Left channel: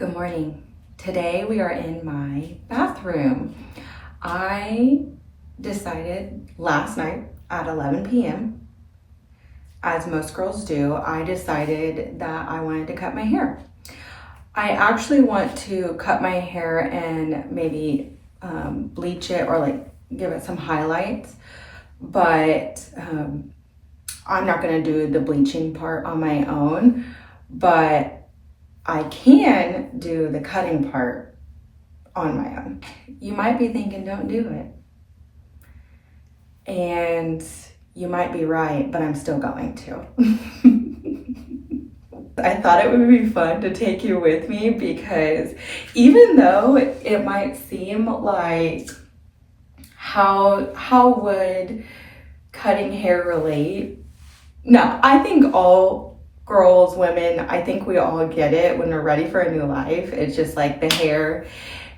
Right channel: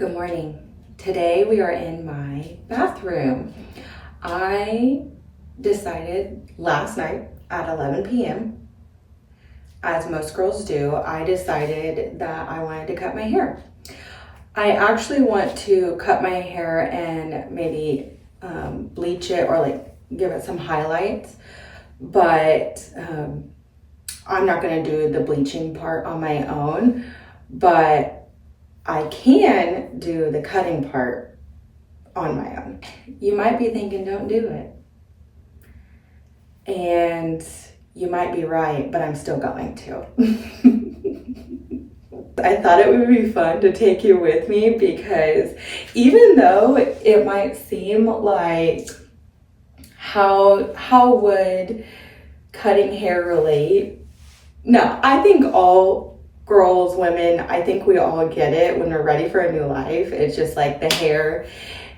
Good morning. Today we are in my bathroom. I decided last night at 11 p.m., as most girls do, I decided that I wanted to cut my hair. I actually want to cut my hair and maybe bleach it or like give it some highlights, but I'm not gonna do the bleaching part on my own, but I can do the cutting part on my own. You might be thinking, don't do it. And you might be right, but I'm still going to. I thought it would be fun to take you with me because even though it might seem like how would cutting hair relate? No, I think all girls, women, I think we all get it when we're ready for a new life. It's just like the hair,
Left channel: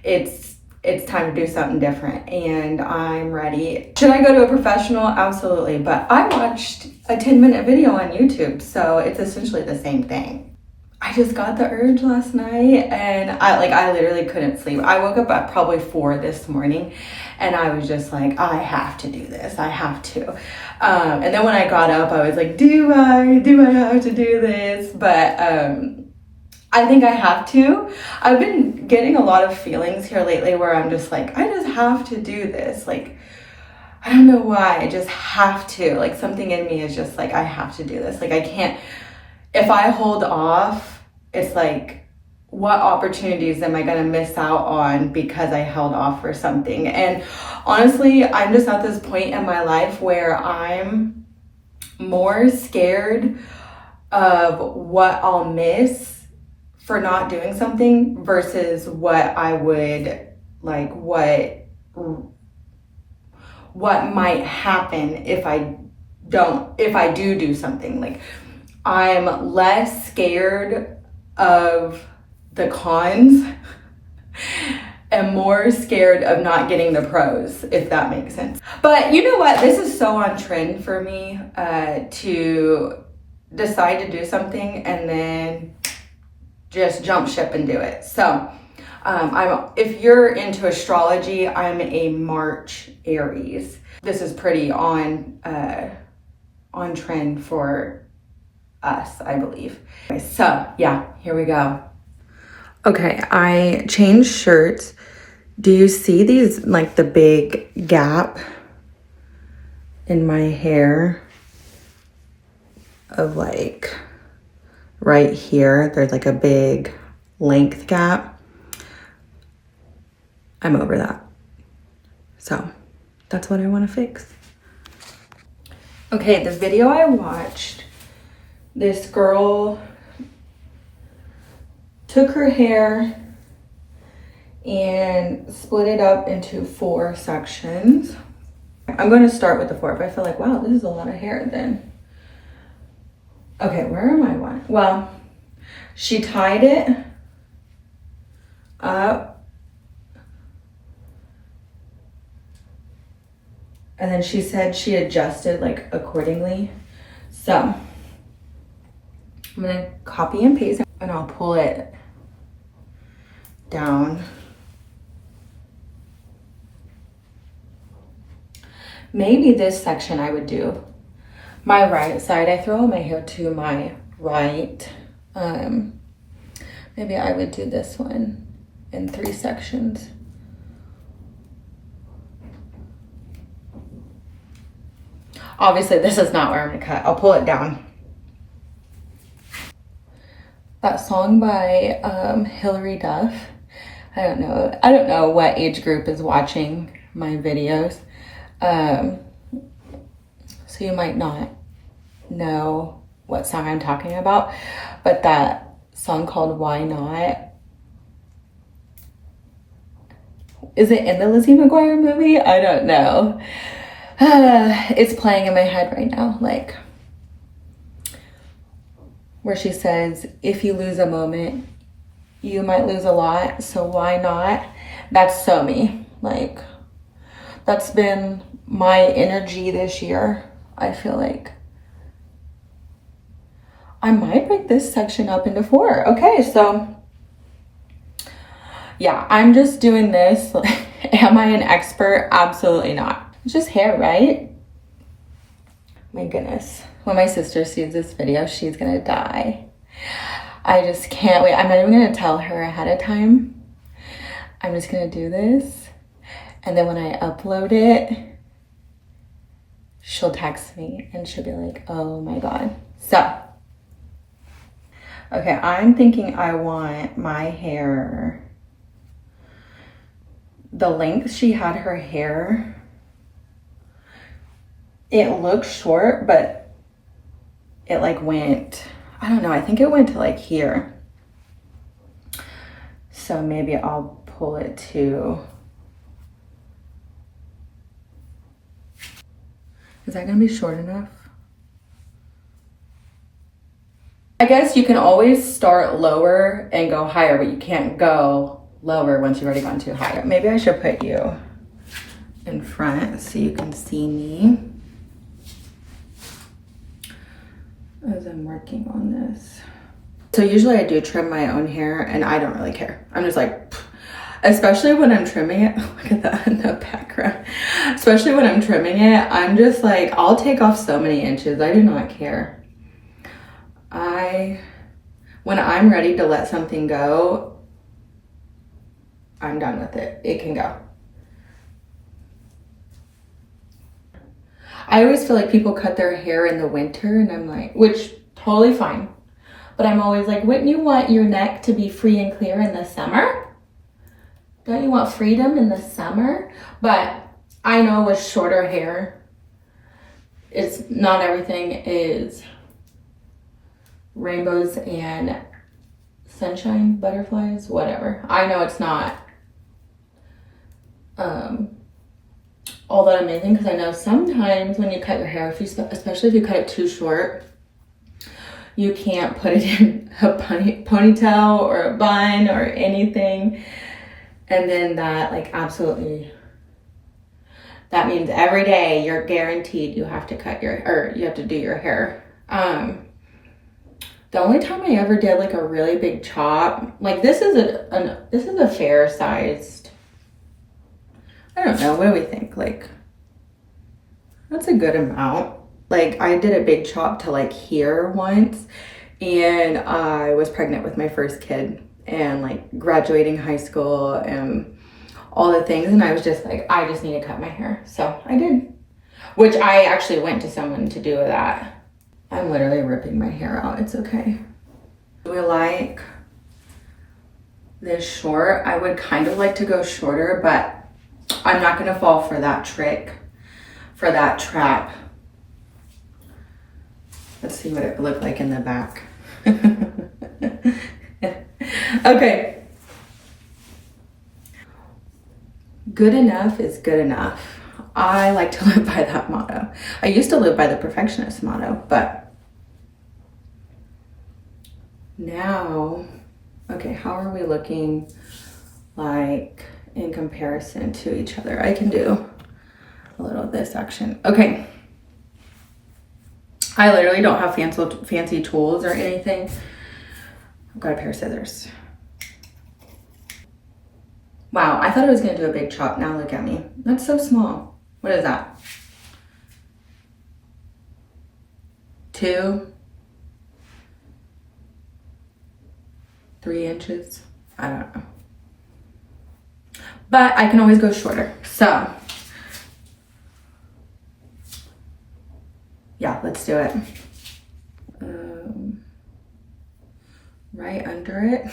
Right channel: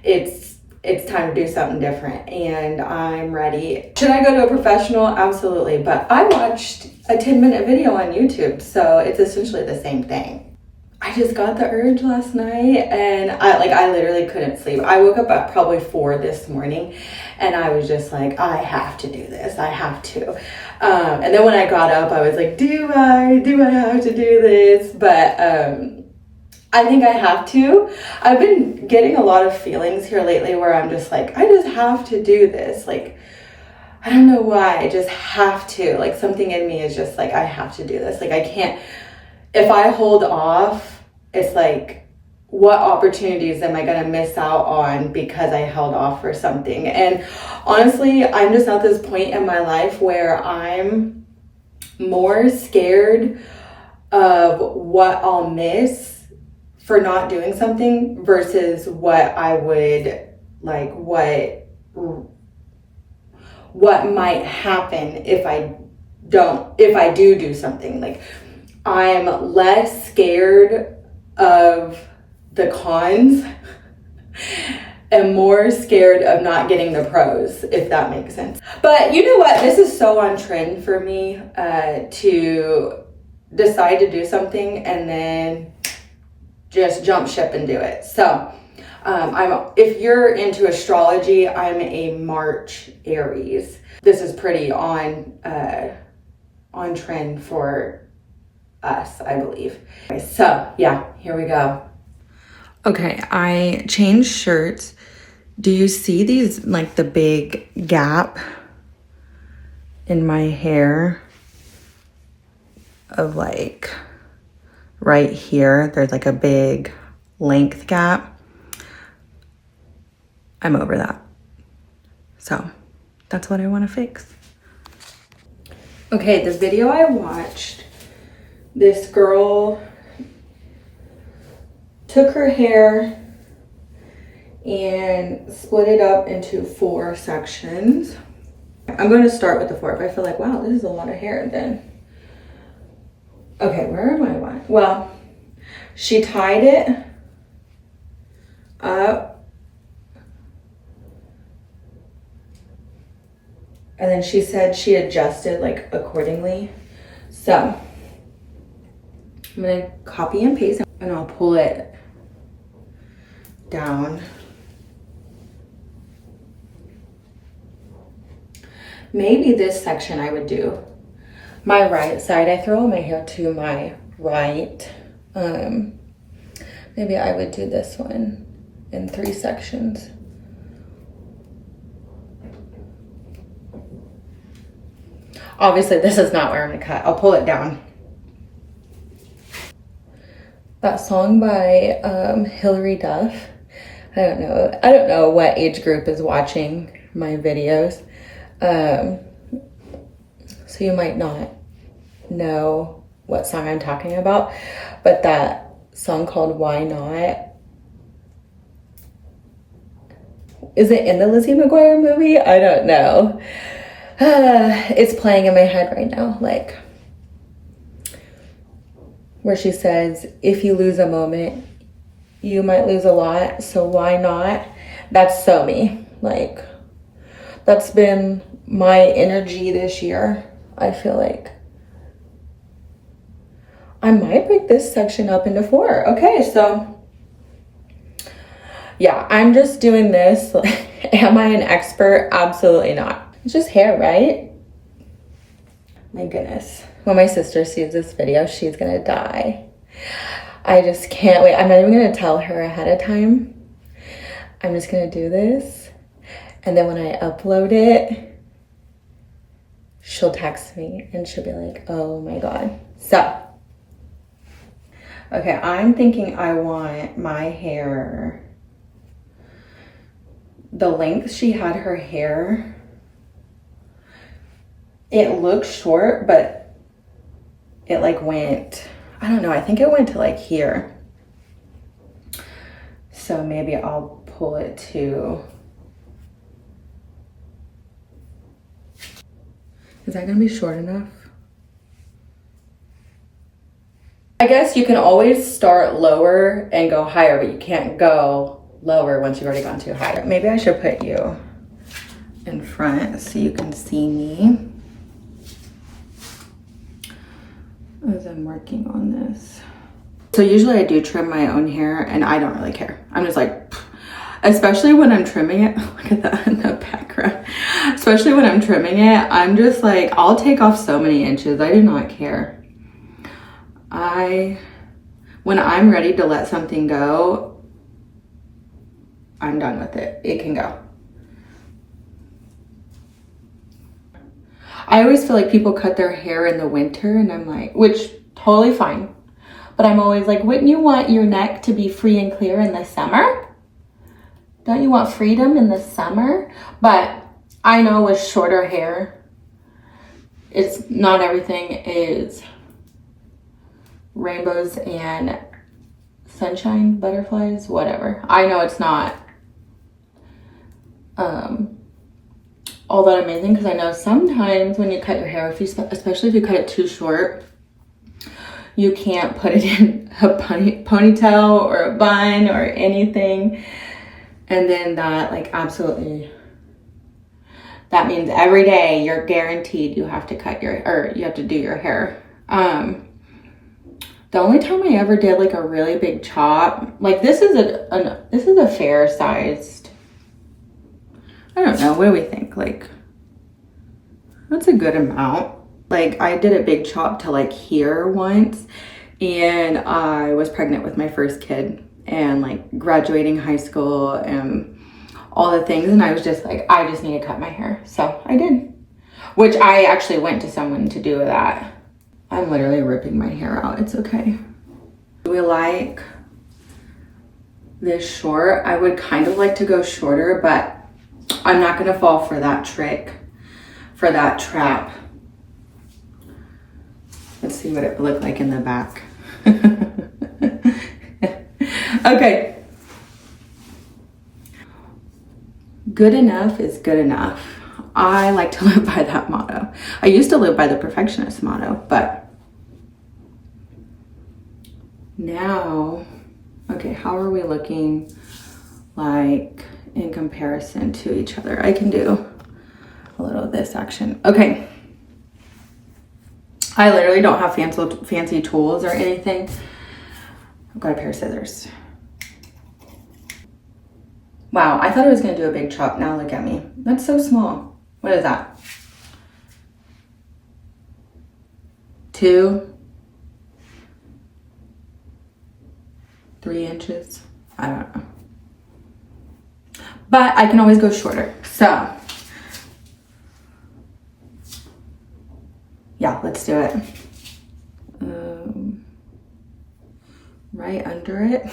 it's time to do something different and I'm ready. Should I go to a professional? Absolutely, but I watched a 10-minute video on YouTube, so it's essentially the same thing. I just got the urge last night and I literally couldn't sleep. I woke up at probably 4 this morning and I was just like, I have to do this, I have to. And then when I got up, I was like, do I have to do this? But I think I have to. I've been getting a lot of feelings here lately where I'm just like, I just have to do this. Like, I don't know why, I just have to. Like something in me is just like, I have to do this. Like I can't, if I hold off, it's like, what opportunities am I gonna miss out on because I held off for something? And honestly, I'm just at this point in my life where I'm more scared of what I'll miss for not doing something versus what I would, like what might happen if I do something. Like I'm less scared of the cons and more scared of not getting the pros, if that makes sense. But you know what? This is so on trend for me to decide to do something and then just jump ship and do it. So if you're into astrology, I'm a March Aries. This is pretty on trend for us, I believe. So yeah, here we go. Okay, I changed shirts. Do you see these, like the big gap in my hair of like right here? There's like a big length gap. I'm over that. So that's what I want to fix. Okay, the video I watched, this girl took her hair and split it up into 4 sections. I'm going to start with the 4, but I feel like, wow, this is a lot of hair then. Okay, where am I? Well, she tied it up and then she said she adjusted like accordingly. So I'm going to copy and paste and I'll pull it down. Maybe this section I would do my right side. I throw my hair to my right. Maybe I would do this one in 3 sections. Obviously this is not where I'm gonna cut. I'll pull it down. That song by Hilary Duff. I don't know what age group is watching my videos. So you might not know what song I'm talking about, but that song called Why Not? Is it in the Lizzie McGuire movie? I don't know. It's playing in my head right now, like where she says, if you lose a moment, you might lose a lot, so why not? That's so me. Like, that's been my energy this year. I feel like I might break this section up into 4. Okay, so Yeah, I'm just doing this. Am I an expert? Absolutely not. It's just hair, right? My goodness. When my sister sees this video, she's gonna die. I just can't wait. I'm not even gonna tell her ahead of time. I'm just gonna do this. And then when I upload it, she'll text me and she'll be like, oh my God. So, okay, I'm thinking I want my hair, the length she had her hair, it looks short, but it like went, I don't know, I think it went to like here. So maybe I'll pull it to, is that gonna be short enough? I guess you can always start lower and go higher, but you can't go lower once you've already gone too high. Maybe I should put you in front so you can see me as I'm working on this. So usually I do trim my own hair and I don't really care. I'm just like, pfft. Especially when I'm trimming it. Look at that in the background. Especially when I'm trimming it, I'm just like, I'll take off so many inches. I do not care. When I'm ready to let something go, I'm done with it. It can go. I always feel like people cut their hair in the winter and I'm like, which totally fine. But I'm always like, wouldn't you want your neck to be free and clear in the summer? Don't you want freedom in the summer? But I know with shorter hair, it's not everything is rainbows and sunshine, butterflies, whatever. I know it's not all that amazing, because I know sometimes when you cut your hair, especially if you cut it too short, you can't put it in a ponytail or a bun or anything. And then that like absolutely, that means every day you're guaranteed you have to you have to do your hair. The only time I ever did like a really big chop, like this is a fair sized, I don't know, what do we think? Like, that's a good amount. Like I did a big chop to like here once, and I was pregnant with my first kid and like graduating high school and all the things. And I was just like, I just need to cut my hair. So I did, which I actually went to someone to do that. I'm literally ripping my hair out. It's okay. Do we like this short? I would kind of like to go shorter, but I'm not gonna fall for that trick, for that trap. Let's see what it would look like in the back. Okay. Good enough is good enough. I like to live by that motto. I used to live by the perfectionist motto, but now, okay, how are we looking like in comparison to each other? I can do a little of this action. Okay. I literally don't have fancy tools or anything. I've got a pair of scissors. Wow, I thought I was gonna do a big chop. Now look at me. That's so small. What is that? 2, 3 inches? I don't know. But I can always go shorter. So, yeah, let's do it. Right under it.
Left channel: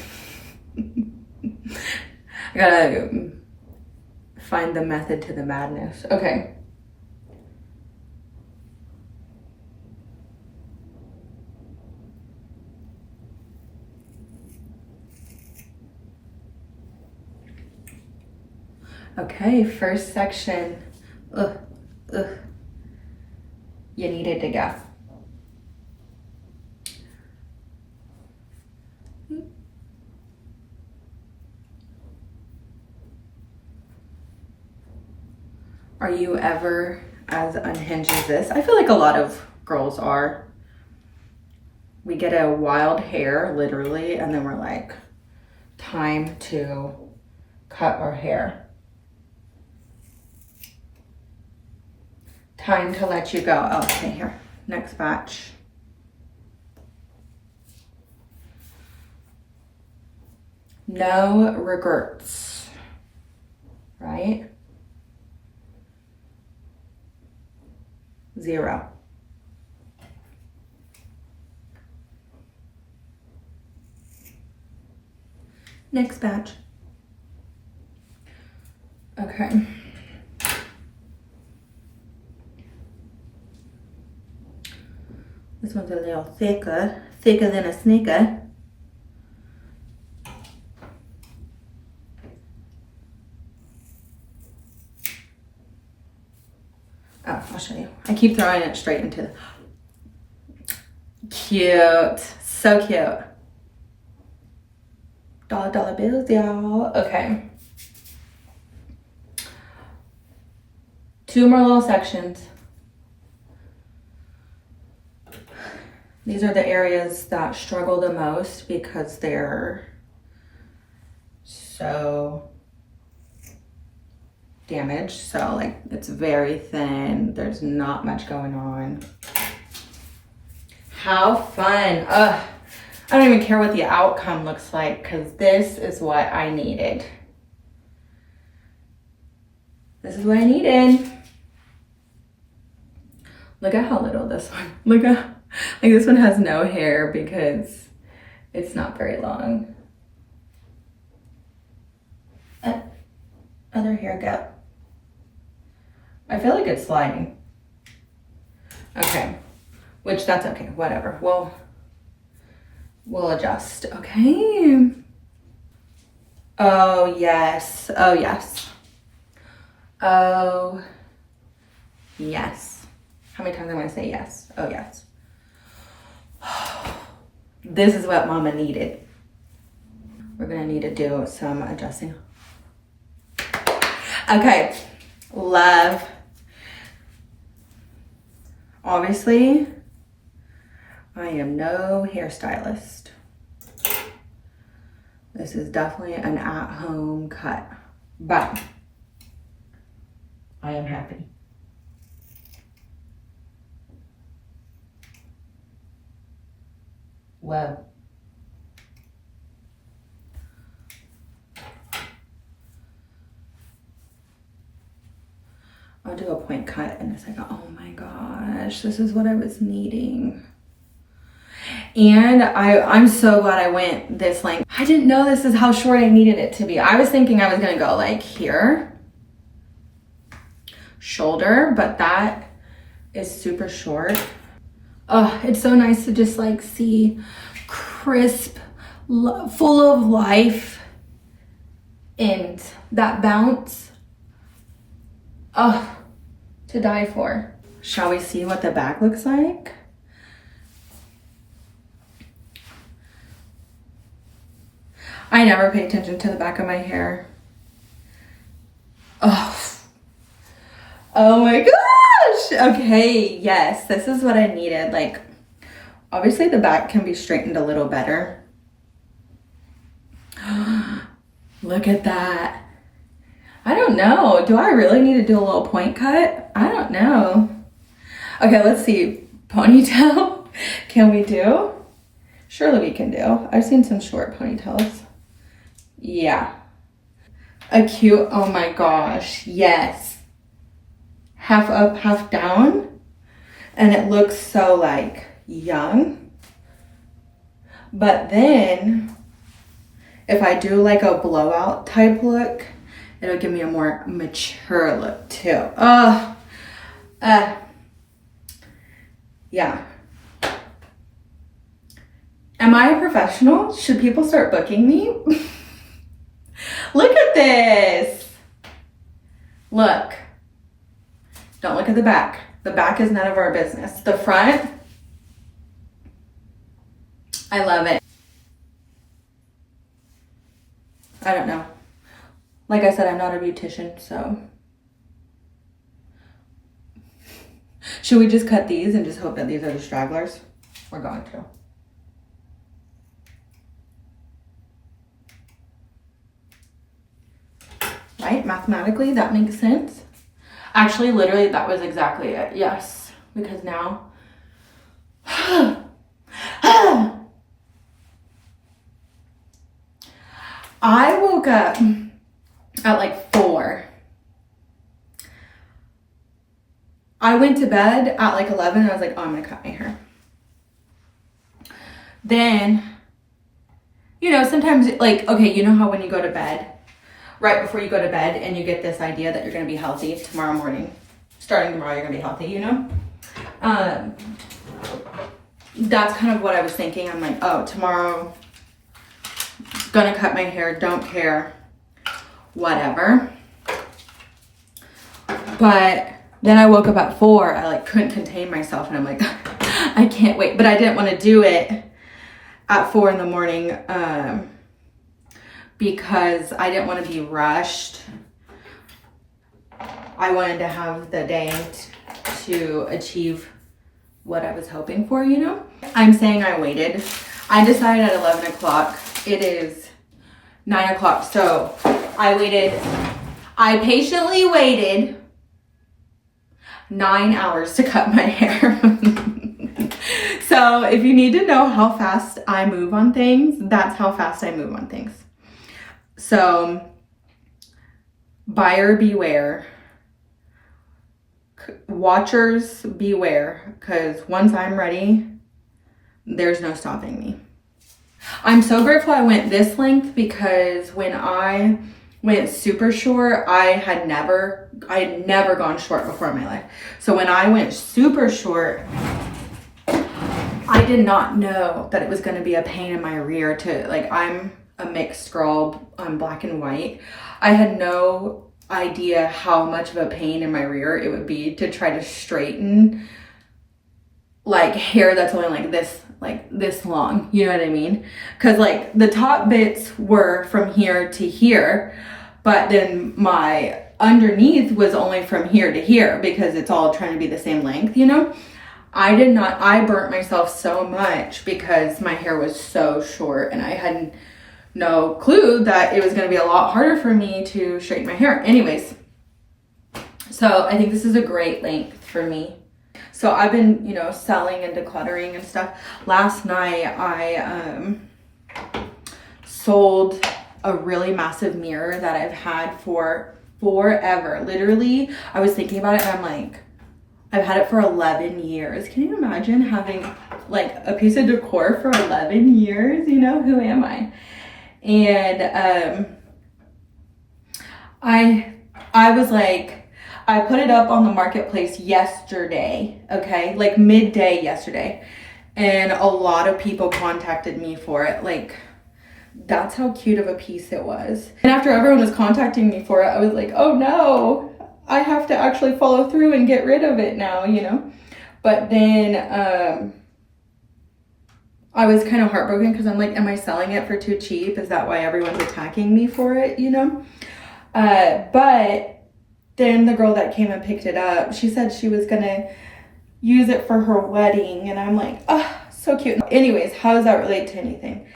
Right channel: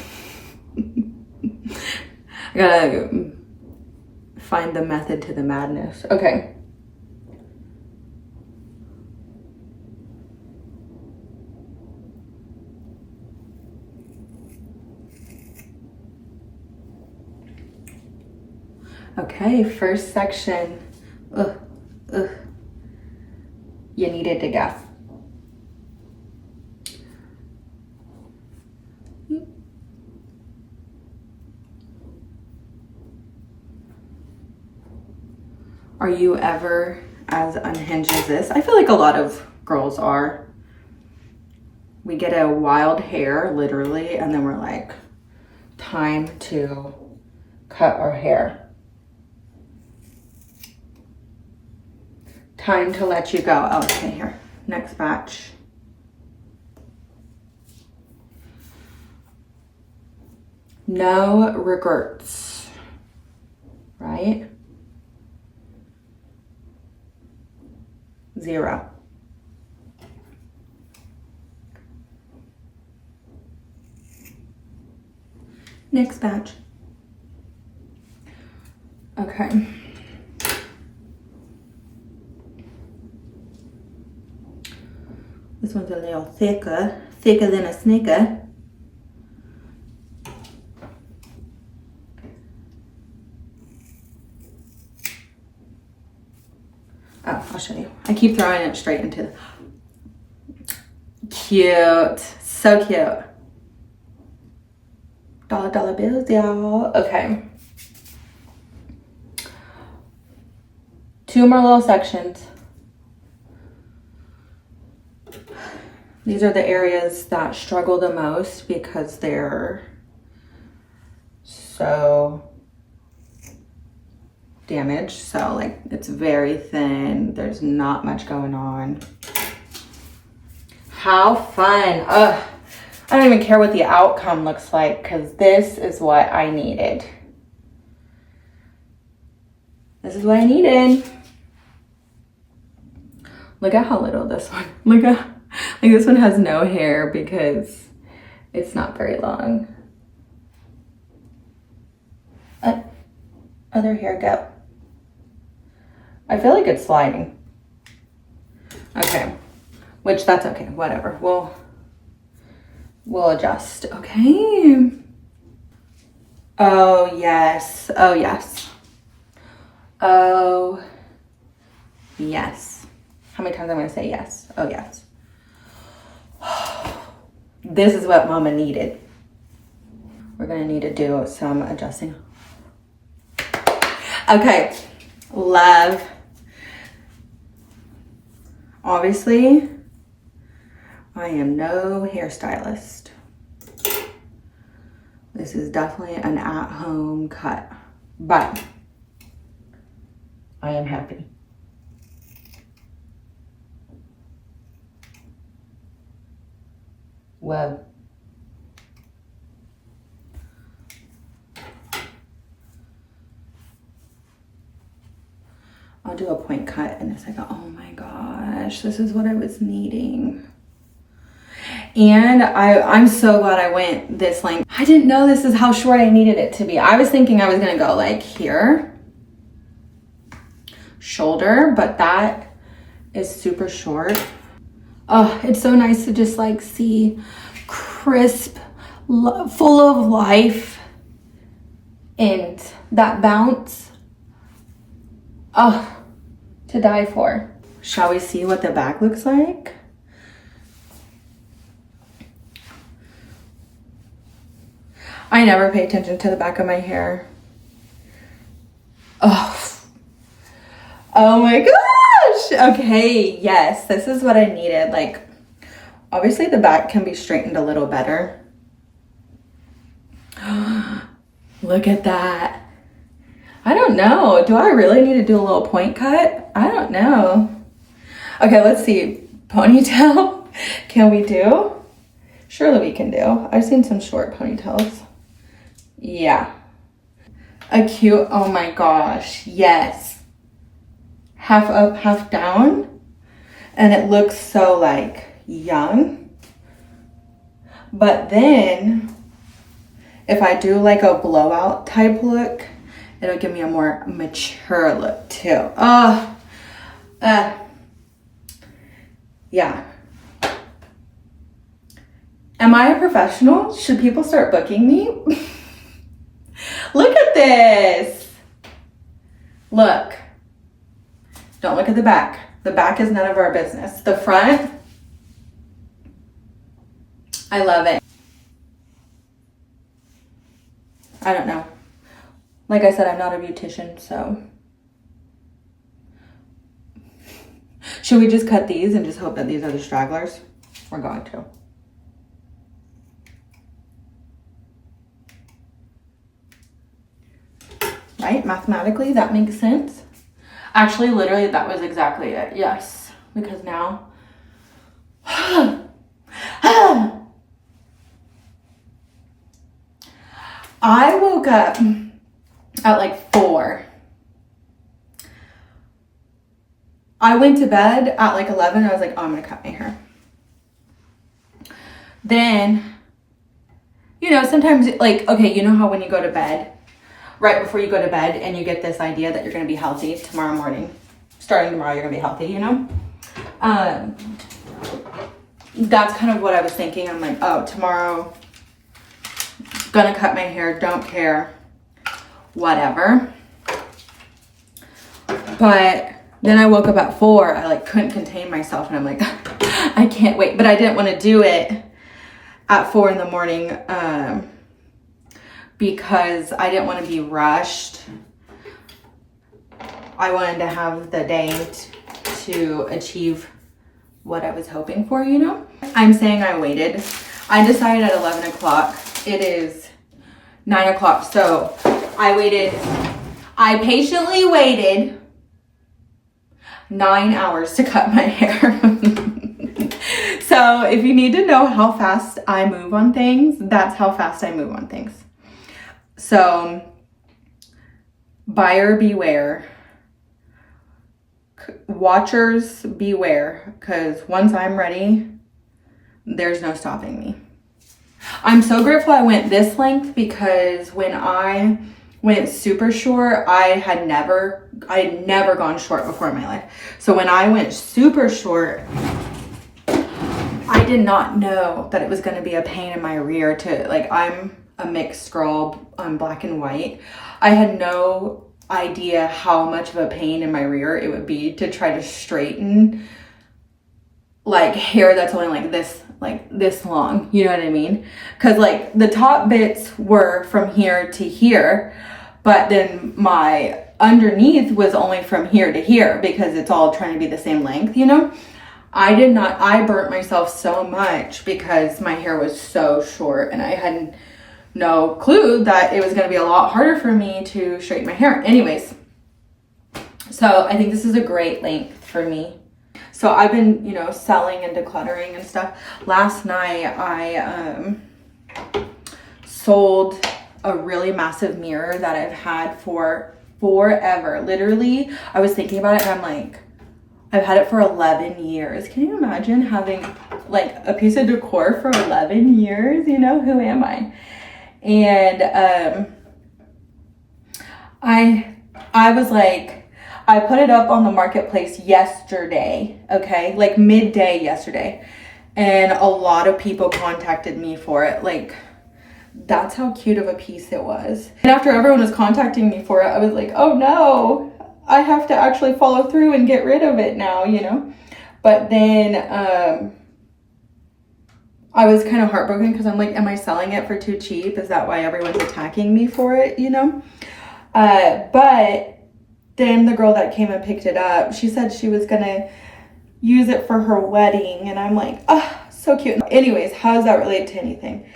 I gotta find the method to the madness. Okay. Okay, first section. You needed to go. Are you ever as unhinged as this? I feel like a lot of girls are. We get a wild hair, literally, and then we're like, time to cut our hair. Time to let you go. Oh, okay, here. Next batch. No regrets, right? 0. Next batch. Okay. This one's a little thicker than a snicker. Oh, I'll show you. I keep throwing it straight into the... Cute. So cute. $1 bills, y'all. Okay. 2 more little sections. These are the areas that struggle the most because they're so damaged. So like it's very thin. There's not much going on. How fun. Ugh. I don't even care what the outcome looks like because this is what I needed. This is what I needed. Look at how little this one, look at, like this one has no hair because it's not very long. Other hair, go. I feel like it's sliding. Okay, which that's okay, whatever. We'll adjust, okay? Oh yes, oh yes. Oh yes. How many times am I gonna say yes? Oh yes. This is what mama needed. We're gonna need to do some adjusting. Okay, love. Obviously, I am no hairstylist. This is definitely an at-home cut, but I am happy. Whoa. I'll do a point cut in a second. Oh my gosh, this is what I was needing. And I'm so glad I went this length. I didn't know this is how short I needed it to be. I was thinking I was gonna go like here, shoulder, but that is super short. Oh, it's so nice to just like see crisp, full of life and that bounce. Oh, to die for. Shall we see what the back looks like? I never pay attention to the back of my hair. Oh, oh my gosh. Okay, yes, this is what I needed. Like, obviously the back can be straightened a little better. Look at that. I don't know. Do I really need to do a little point cut? I don't know. Okay, let's see. Ponytail, can we do? Surely we can do. I've seen some short ponytails. Yeah. A cute, oh my gosh, yes. Half up, half down. And it looks so like young. But then if I do like a blowout type look, it'll give me a more mature look too. Yeah. Am I a professional? Should people start booking me? Look at this. Look. Don't look at the back. The back is none of our business. The front, I love it. I don't know. Like I said, I'm not a beautician, so. Should we just cut these and just hope that these are the stragglers? We're going to. right? Mathematically, that makes sense. Actually, literally, that was exactly it. Yes, because now... I woke up at like 4. I went to bed at like 11. I was like, oh, I'm gonna cut my hair. Then, you know, sometimes like, okay, you know how when you go to bed, right before you go to bed and you get this idea that you're gonna be healthy tomorrow morning, starting tomorrow, you're gonna be healthy, you know? That's kind of what I was thinking. I'm like, oh, tomorrow, gonna cut my hair, don't care, whatever. But then I woke up at 4. I like couldn't contain myself and I'm like, I can't wait. But I didn't want to do it at 4 in the morning because I didn't want to be rushed. I wanted to have the day to achieve what I was hoping for, you know? I'm saying I waited. I decided at 11 o'clock. It is 9 o'clock. So I patiently waited 9 hours to cut my hair. So if you need to know how fast I move on things, that's how fast I move on things. So buyer beware. Watchers beware, because once I'm ready, there's no stopping me. I'm so grateful I went this length because when I went super short, I had never gone short before in my life. So when I went super short, I did not know that it was going to be a pain in my rear to, like, I'm a mixed girl, I'm black and white. I had no idea how much of a pain in my rear it would be to try to straighten like hair that's only like this long, you know what I mean? Because like the top bits were from here to here, but then my underneath was only from here to here because it's all trying to be the same length, you know? I burnt myself so much because my hair was so short and I hadn't no clue that it was going to be a lot harder for me to straighten my hair. Anyways, so I think this is a great length for me. So I've been, you know, selling and decluttering and stuff. Last night I sold a really massive mirror that I've had for forever. Literally, I was thinking about it and I'm like, I've had it for 11 years. Can you imagine having like a piece of decor for 11 years? You know, who am I? And I was like, I put it up on the marketplace yesterday, okay? Like midday yesterday. And a lot of people contacted me for it. Like, that's how cute of a piece it was. And after everyone was contacting me for it, I was like, oh no, I have to actually follow through and get rid of it now, you know? But then, I was kind of heartbroken because I'm like, am I selling it for too cheap? Is that why everyone's attacking me for it, you know? But then the girl that came and picked it up, she said she was going to use it for her wedding. And I'm like, oh, so cute. Anyways, how does that relate to anything?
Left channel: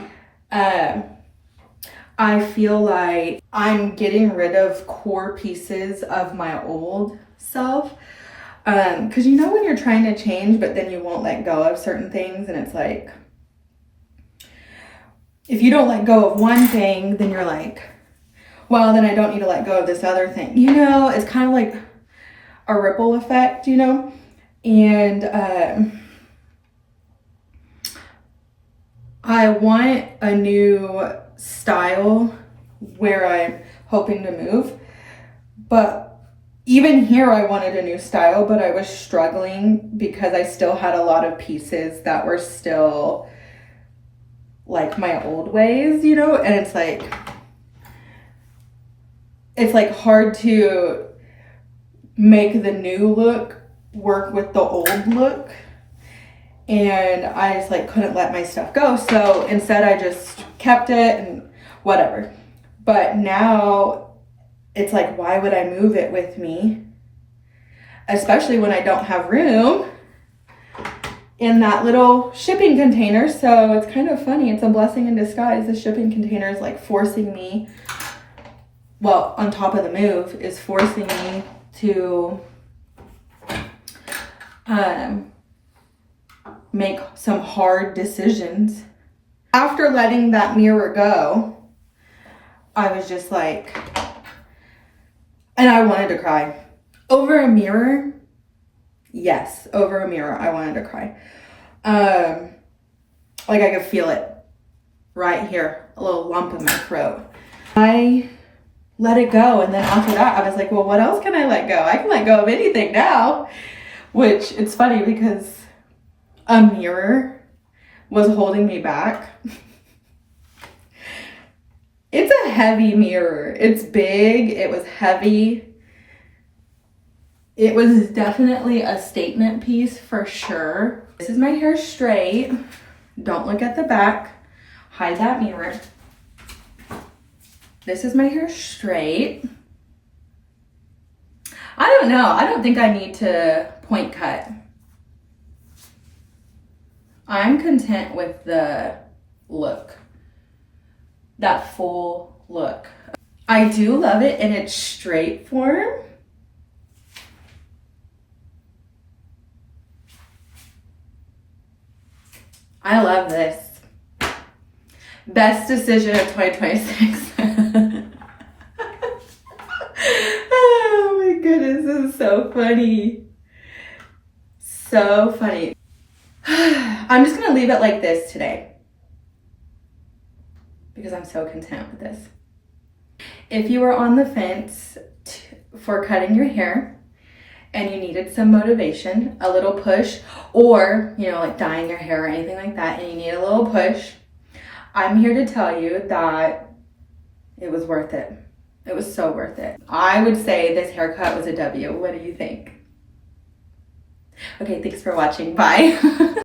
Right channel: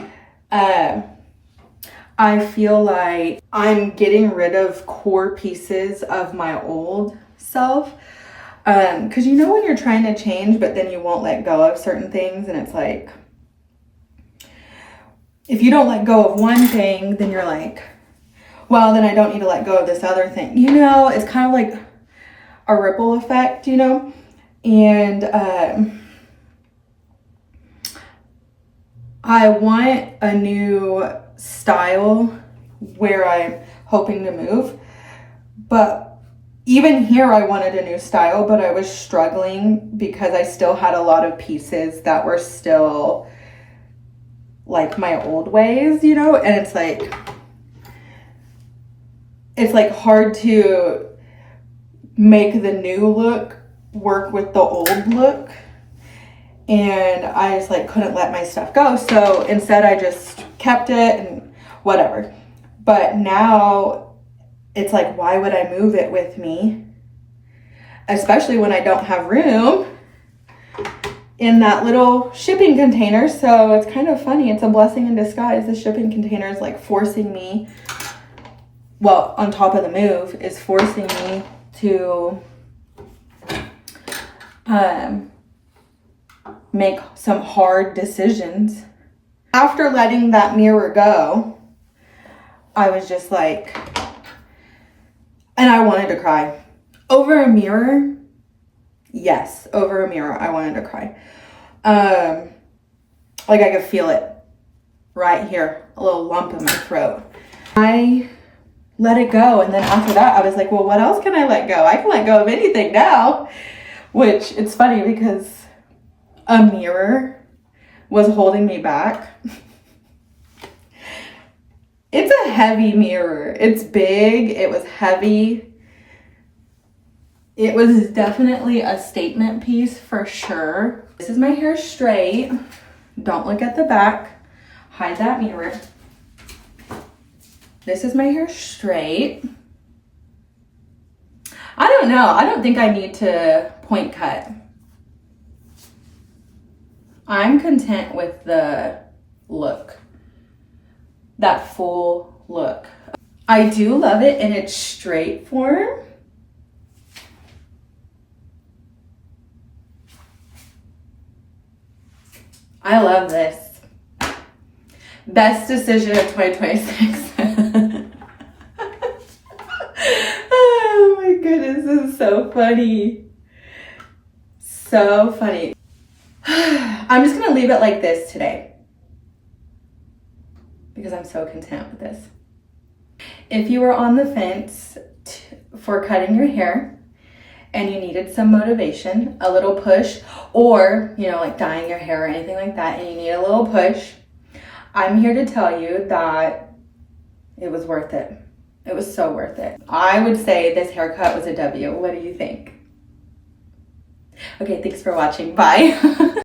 I feel like I'm getting rid of core pieces of my old self. Because you know when you're trying to change, but then you won't let go of certain things. And it's like, if you don't let go of one thing, then you're like, well, then I don't need to let go of this other thing. You know, it's kind of like a ripple effect, you know? And I want a new style where I'm hoping to move. But even here, I wanted a new style, but I was struggling because I still had a lot of pieces that were still like my old ways, you know? And it's like hard to make the new look work with the old look. And I just like couldn't let my stuff go. So instead I just kept it and whatever. But now it's like, why would I move it with me? Especially when I don't have room in that little shipping container. So it's kind of funny. It's a blessing in disguise. The shipping container is like forcing me well, on top of the move, is forcing me to make some hard decisions. After letting that mirror go, I was just like, and I wanted to cry. Over a mirror, yes, over a mirror, I wanted to cry. Like I could feel it right here, a little lump in my throat. I let it go, and then after that, I was like, well, what else can I let go? I can let go of anything now. Which, it's funny because a mirror was holding me back. It's a heavy mirror. It's big. It was heavy. It was definitely a statement piece for sure. This is my hair straight. Don't look at the back. Hide that mirror. This is my hair straight. I don't know. I don't think I need to point cut. I'm content with the look. That full look. I do love it in its straight form. I love this. Best decision of 2026. Oh my goodness, this is so funny. So funny. I'm just gonna leave it like this today because I'm so content with this. If you were on the fence for cutting your hair and you needed some motivation, a little push, or, you know, like dyeing your hair or anything like that, and you need a little push, I'm here to tell you that it was worth it. It was so worth it. I would say this haircut was a W. What do you think? Okay, thanks for watching. Bye.